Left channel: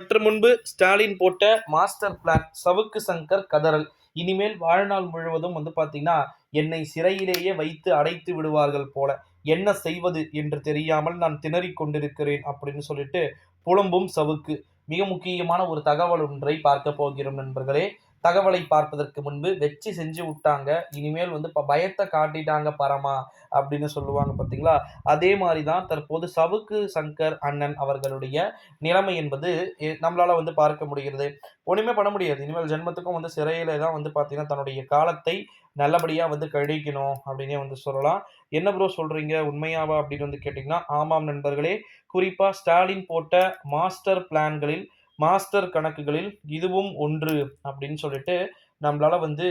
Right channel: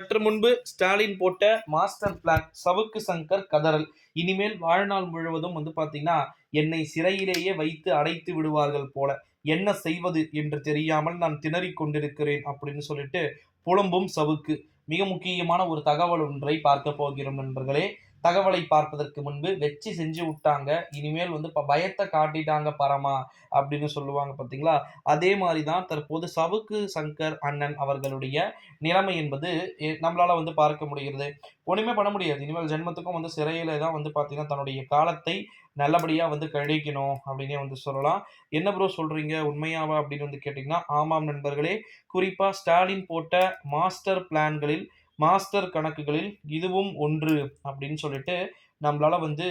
சற்று முன்பு ஸ்டாலின் போட்ட மாஸ்டர் பிளான் சவுக்கு சங்கர் கதறல். இனிமேல் வாழ்நாள் முழுவதும் வந்து பாத்தீங்கன்னா என்னை சிறையிலேயே வைத்து அடைத்து விடுவார்கள் போல. என்ன செய்வது என்று தெரியாமல் நான் திணறிக் கொண்டிருக்கிறேன் அப்படின்னு சொல்லிட்டு புலம்பும் சவுக்கு. மிக முக்கியமான ஒரு தகவல் ஒன்றை பார்க்க போகிறோம் நண்பர்களே. தகவலை பார்ப்பதற்கு முன்பு வெச்சு செஞ்சு விட்டாங்க. இனிமேல் வந்து இப்போ பயத்தை காட்டிட்டாங்க பரமா அப்படின்னு சொல்லுவாங்க பார்த்தீங்களா அதே மாதிரி தான் தற்போது சவுக்கு சங்கர் அண்ணன் அவர்களுடைய நிலைமை என்பது எ- வந்து பார்க்க முடிகிறது. ஒன்றுமே பண்ண முடியாது. இனிமேல் ஜென்மத்துக்கும் வந்து சிறையில தான் வந்து பார்த்தீங்கன்னா தன்னுடைய காலத்தை நல்லபடியாக வந்து கழிக்கணும் அப்படின்னே வந்து சொல்லலாம். என்ன ப்ரோ சொல்கிறீங்க உண்மையாவா அப்படின்னு வந்து கேட்டிங்கன்னா ஆமாம் நண்பர்களே. குறிப்பாக ஸ்டாலின் போட்ட மாஸ்டர் பிளான்களில் மாஸ்டர் கணக்குகளில் இதுவும் ஒன்று அப்படின்னு சொல்லிட்டு நம்மளால வந்து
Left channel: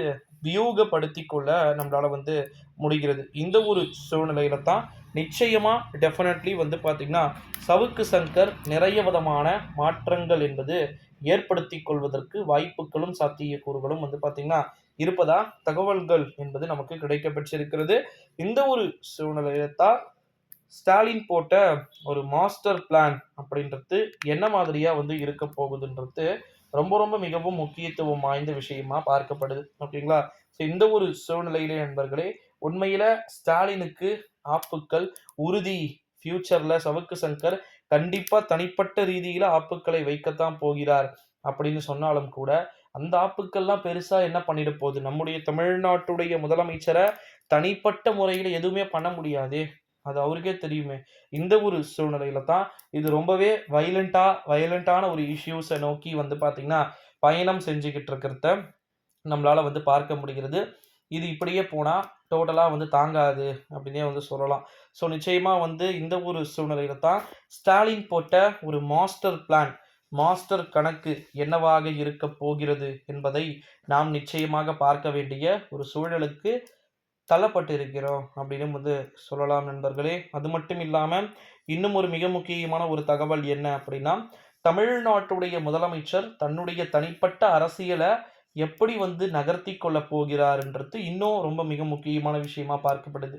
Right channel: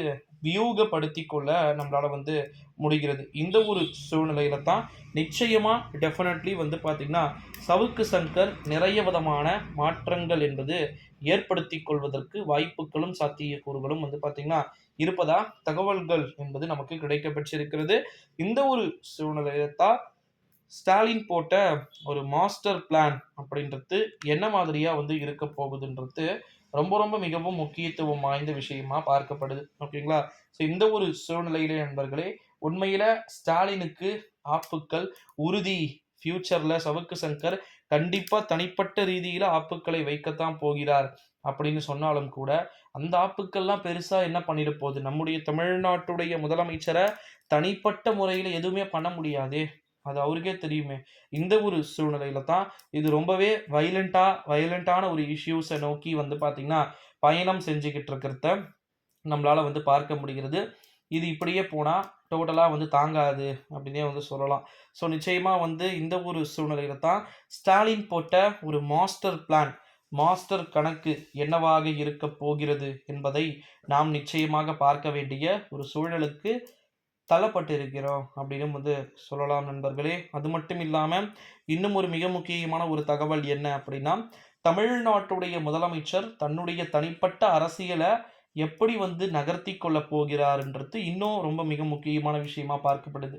வியூகப்படுத்தி கொள்ள நம்மளால வந்து முடிகிறது. இந்த ஒரு சூழ்நிலையில தான் நிச்சயமா டெஃபினெட்லி வந்து பார்த்தீங்கன்னா சவுக்கு சங்கர் நிறைய விதமான மாற்றங்கள் என்பது ஏற்படுத்தி கொள்வதற்கு வாய்ப்புகளும் சாத்தியக்கூறுகளும் வந்து பார்த்தீங்கன்னா இருப்பதா? தகவல்கள் என்பது நமக்கு கிடைக்கப்பெற்றிருக்கிறது. இந்த ஒரு சூழ்நிலையில தான் ஸ்டாலின் போட்ட ஒரு மாஸ்டர் பிளான் அப்படின்றது என்ன மாதிரியாக வந்து இருக்க போகுதுன்றது ரொம்ப ரொம்ப மிகவும் முக்கியத்துவம் வாய்ந்த விஷயமா பார்க்கப்படுது. ஓகேங்களா? ஸோ இந்த ஒரு சூழ்நிலையிலே நண்பர்களே உண்மையில ஸ்டாலினுக்கு ஆப்புக்கள் உறுதி. ஃபியூச்சர்ல சவுக்கு சங்கர் கண்டிப்பா தனிப்பட்ட ரீதியில ஆப்புக்களை வைக்கத்தான் போகிறார் அப்படின்னு சொன்னாலும் கூட அந்த ஆப்புக்கள்லாம் பெருசா என்ன பண்ணிட போகுது? நம்முடைய தமிழ்நாட்டுடைய முதலமைச்சரை தனிப்பட்ட முறையில் எதுவுமே பண்ண முடியாது. அது அவருக்கே தெரியுமே. இந்த ஒரு சூழ்நிலையில தான் இது ரொம்பவே வைலண்டா வைலண்டான ஒரு இஷ்யூஸை நோக்கி வந்து பார்த்தீங்கன்னா பயணம் செஞ்சுக்கிட்டு இருக்கிறத நம்மளால வந்து பார்க்க முடிகிறது. இது இப்படியே போனால் டோட்டலாக வந்து தாங்காது அப்படின்னே வந்து சொல்லலாம். ஸோ நிச்சயமாக வந்து இந்த ஒரு சூழ்நிலையில தான் ஸ்டாலின் போட்ட ஒரு மாஸ்டர் பிளான் மாஸ்டர் கணக்கு என்னவாக இருக்க போகிறது என்பதை நாம் நிச்சயமாக பார்க்க வேண்டிய ஒரு சூழலுக்கு தள்ளப்பட்டு இருக்கிறோம் அப்படின்னு வந்து சொல்லலாம் நண்பர்களே. அது மட்டும் இல்லாமல் இன்னும் ஒரு மிக முக்கியமான ஒரு தகவல் என்ன அப்படின்னா தமிழ்நாட்டுடைய முதலமைச்சர் தன்னுடைய தனிப்பட்ட அரசியலை எப்படி வந்து நகர்த்தி கொள்ள போகிறார்ன்றது இன்னும் ரொம்ப மிக முக்கியமான விஷயமா பார்க்கப்படுது.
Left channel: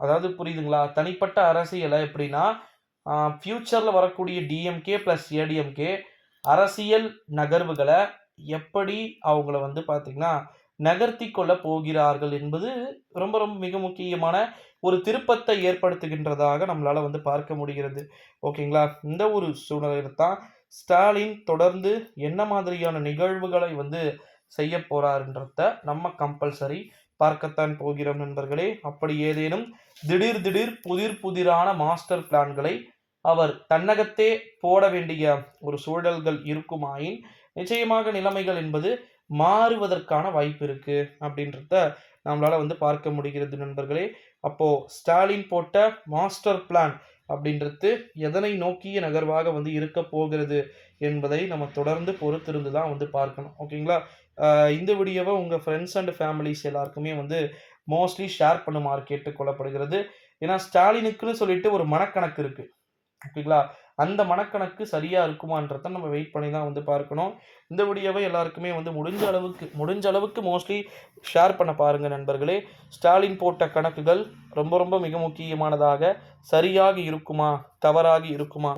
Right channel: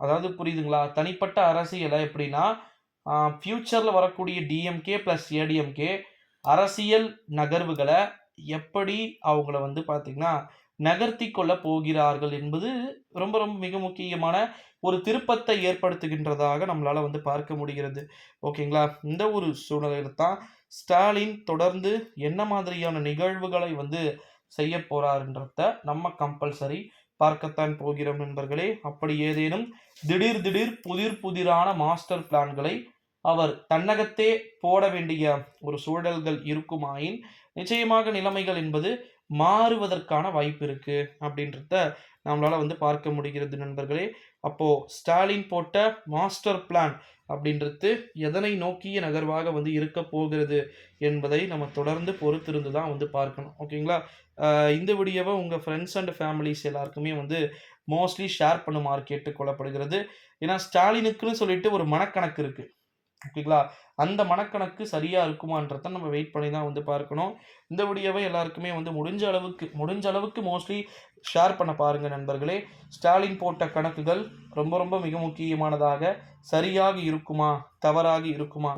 அதாவது புரியுதுங்களா? தனிப்பட்ட அரசியலை எப்படின்னா ஃப்யூச்சரில் வரக்கூடிய டிஎம்கே ப்ளஸ் ஏடிஎம்கே அரசியல் நகர்வுகளை எப்படி அவங்கள வந்து பார்த்திங்கன்னா நகர்த்தி கொள்ள போகிறார்கள் என்பது ரொம்ப ரொம்ப மிக முக்கியமான ஒரு திருப்பத்தை ஏற்படுத்துகின்றதாக நம்மளால் வந்து பார்க்க முடிகிறது. ஓகேங்களா? இந்த ஒரு சூழ்நிலையில் தான் ஸ்டாலின் தொடர்ந்து என்ன மாதிரியான நிகழ்வுகளை வந்து செய்ய போறாருன்றத நம்ம கம்பல்சரி பார்க்கத்தான் போகிறோம் நண்பர்களே. அப்படி ஏதேனும் திடீர் திடீர் புதிர் புதிரான மாஸ்டர் பிளான்களை அவர் தன்னகத்தே போட வேண்டிய ஒரு சூழல்கள் இருக்குமாயின் நிச்சயமாக நிலைமைகள் என்பது மாறுவதற்கான வாய்ப்பு இருக்கு அப்படின்றத நம்மளால வந்து பார்க்க முடிகிறது நண்பர்களே. அப்போ ஸ்டாலின் போட்ட மாஸ்டர் பிளான் அப்படின்றது எதனை நோக்கிய நகர்வாக வந்து இருக்க போகிறது என்பதை நம்ம தொடர்ந்து பொறுத்திருந்து தான் வந்து பார்க்கணும். ஓகேங்களா இந்த வீடியோவை உங்கள் ஃப்ரெண்ட்ஸ் அண்ட் ஃபேமிலிஸ் எல்லாருக்குமே வந்து மோஸ்ட்லி ஷேர் பண்ணுமாறு கேட்டுக்கொள்ளப்படுகிறது. ஏன்னா ஸ்டாலினுக்குன்னு சொல்லிட்டு ஒரு மனக்கணக்கு இருக்குது ஓகேங்களா அந்த மனக்கணக்கு சரியாக இருக்குமான்றத நம்ம வெயிட் பண்ணி தான் வந்து பார்க்கணும். இந்த வீடியோவை எல்லாருக்குமே வந்து முடிஞ்ச அளவுக்கு முடிஞ்ச அளவுக்கு மோஸ்ட்லி ஷேர் பண்ண பாருங்கள் நண்பர்களே. ஸ்டாலின் போட்ட கணக்குகள் ரொம்ப ரொம்ப மிக முக்கியமானதாக சரியாக இருக்குமா? தவறாக இருக்குமா?